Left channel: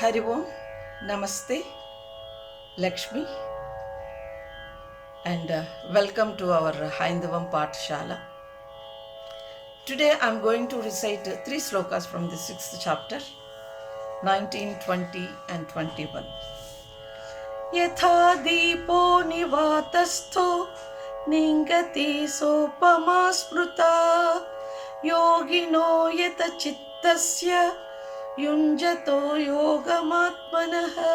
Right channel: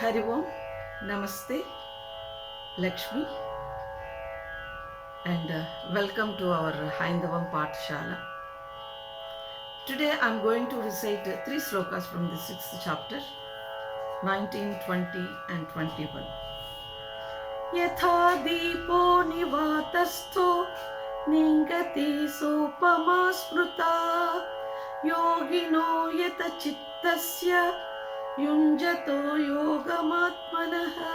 Hari Om, Namaste, Lakshmi, and welcome to our Haindavam Pathshala. Today I am going to recite three slokas from the 6th chapter, 19, 20, and 21. Yatha deepo nivatastho ningati sopama smruta yogino yata chittasya yunjato yogamatmanaha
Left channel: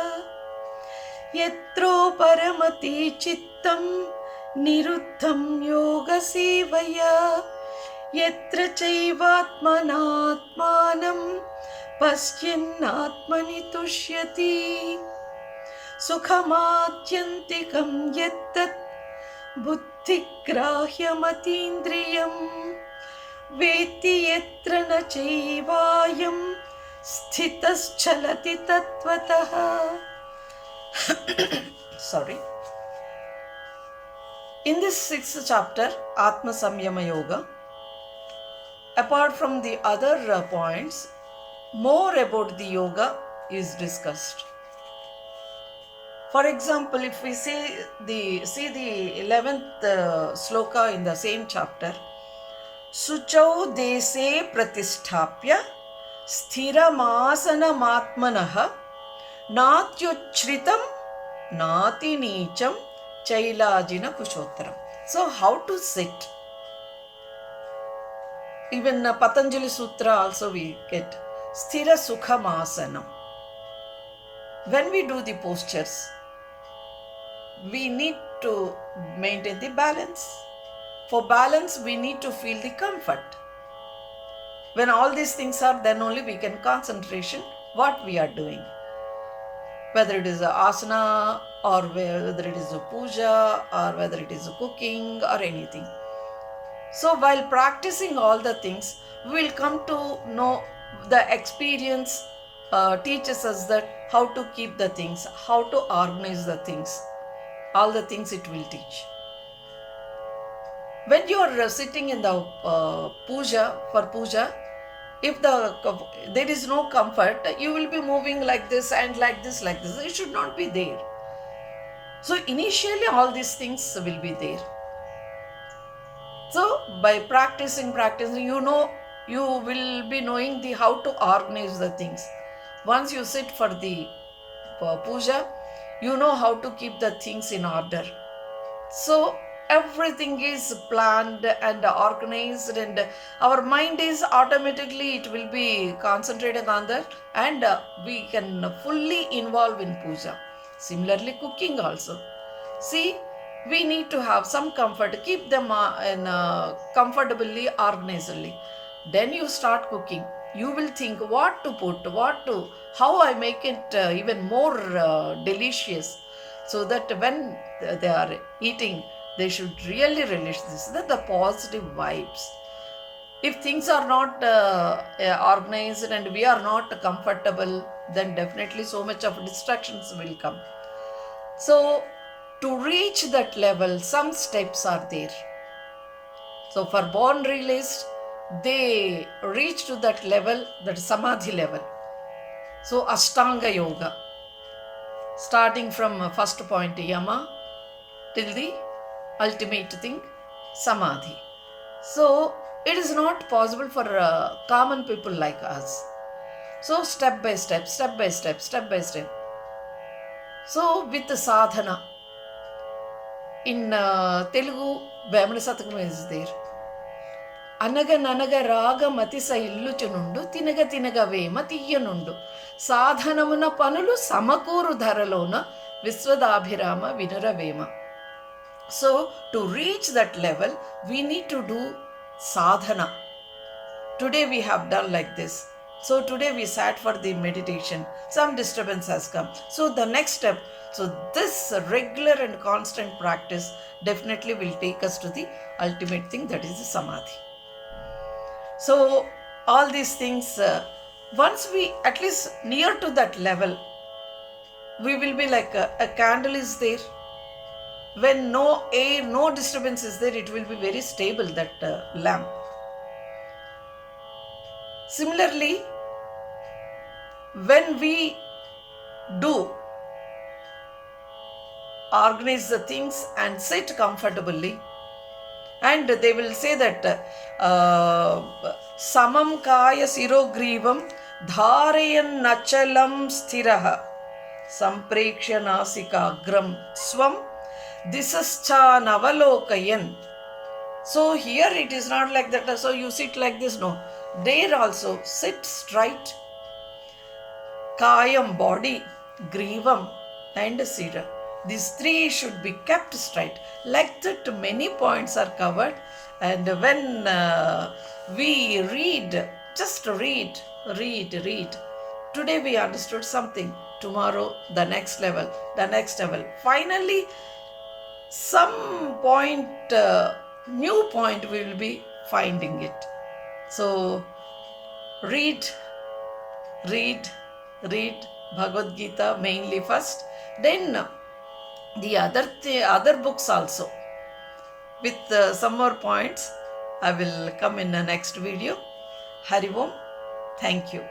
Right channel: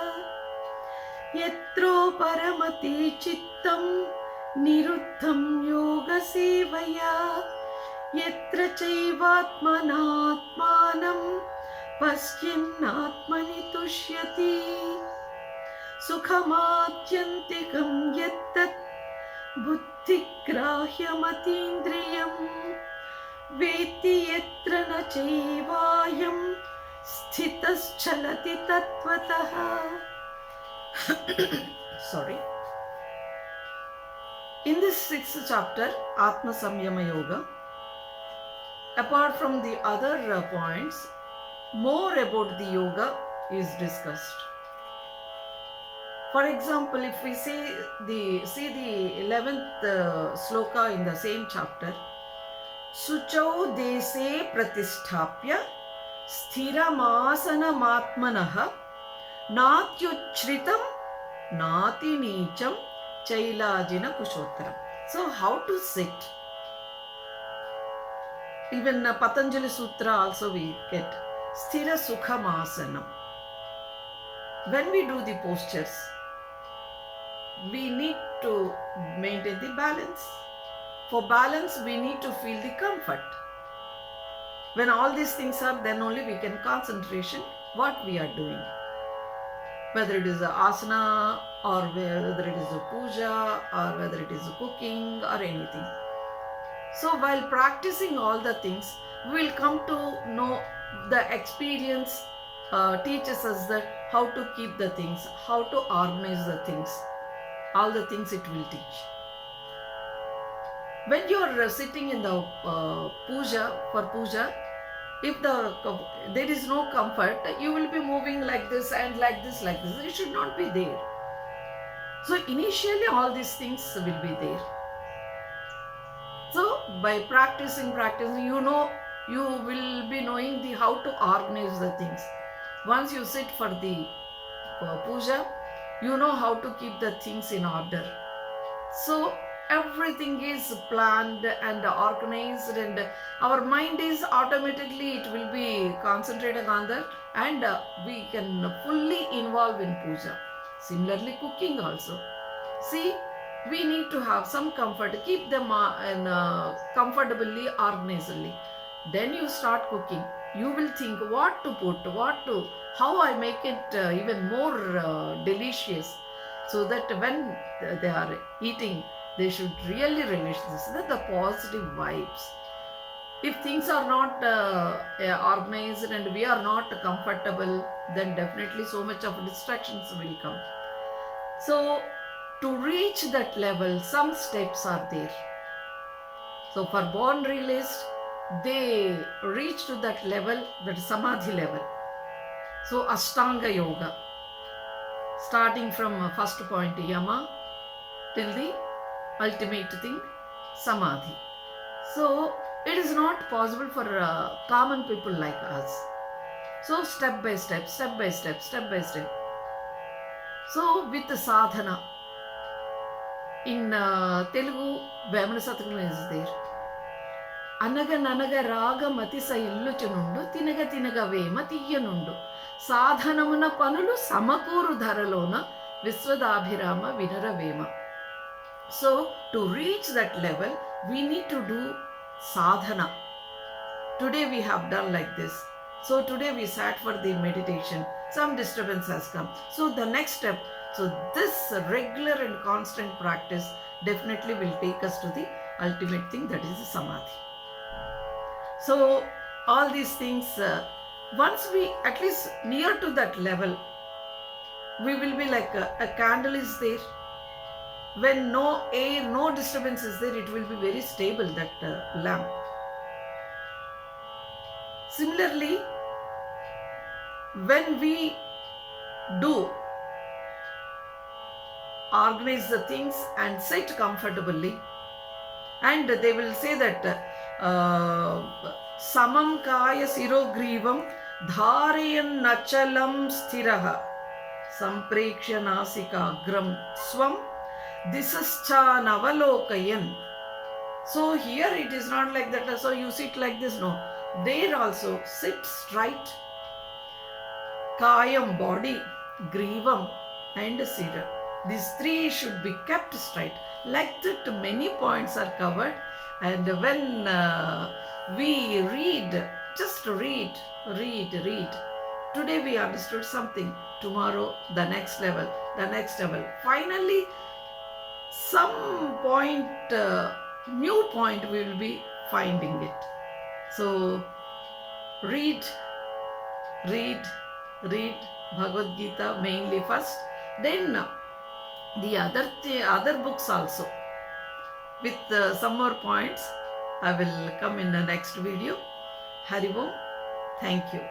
yatro paramati chittam niruddham yoga sevaya yatra chaivatmanatmanam pasyannatmani tushyati sukhamadyantikam yattat buddhigrahyamatīndriyam veti yatra na chaivayam sthitaschalati tattvataha. Sorry. In this 6th chapter, Atma Samyama Yoga, apart from the other points, more about the yoga is discussed. For example, if we see the 11th sloka in the same chapter, Suchau dese pratisthapya sthiramasanamatmanaha natyuchritam nati neecham chailajina kushottaram. So how to sit? Even Patanjali Sutra also we get Sthira Sukhamasana. When we do the postures, we need to maintain the balance. For balance, we need to feel the comfort. When all these things are, then only we can concentration what we are doing. Whether it is a asana or whether it is a puja or whether it is a cooking or anything. So while practicing all the things, we will come to know the experience teaches us that how to keep the things, how to organize the things. All the things it will teach. When you are sitting in the puja, if there is no comfort, you will be moving like this and like this. It should not be there. So initially all these things will be there. So by practicing, you know, you will be knowing how to organize the things. Once you sit for the puja, you know how to keep the things in order. So everything is planned and organized, and our mind is automatically, it will be concentrating on that, and we can fully involve in puja. Similarly, cooking also. See, we need to have some comfort, keep them comfortably, organizedly. Then you start cooking. You will think what to put, how I make it even more delicious, so that when they are eating, they should really relish this. That the positive vibes. If things are not organized and we are not comfortable, then definitely so much of distractions will come. So to reach that level, some steps are there. So for born realized, they reach to that level, that samadhi level. So Ashtanga Yoga, starting from first point Yama till the ultimate thing Samadhi. So it is not possible for common people like us. So step by step. So with the sadhana, in Telugu, Vemana Satakam is there. Anaga nanaga raga matisa illuchunundu tinaga tinaga vema tiyanundu sadhanamuna panulu samakuru dharalona viswadabhirama vinura vema. So to reach that level, we need to do sadhana. Today we have done like this. So today we sat for the meditation. Some disturbance has come. So the next step, so this regular and constant practice definitely will take us to the ultimate thing, that is the samadhi. So all these things, once we at least near to that level, we will be like a candle is there. When no air, no disturbance is there, it will be very stable, that lamp. Similarly, when we do organize the things and sit comfortably. And they will say that samam kaya sirogrivam dharayan nachalam sthiraha samprekshya nasikagram swam disascha navalokayan. So here it is not like that, so you sit like this, no. There also sit straight. Kayam, body, grivam and sira. These three should be kept straight. Like that many points are covered, and when we read, just read. Today we understood something, tomorrow the next level. Finally, some point, new point we will be finding it. So read Bhagavad Gita mainly first, then the other books also with some more points. I will come in the next video. Hari Om. Thank you.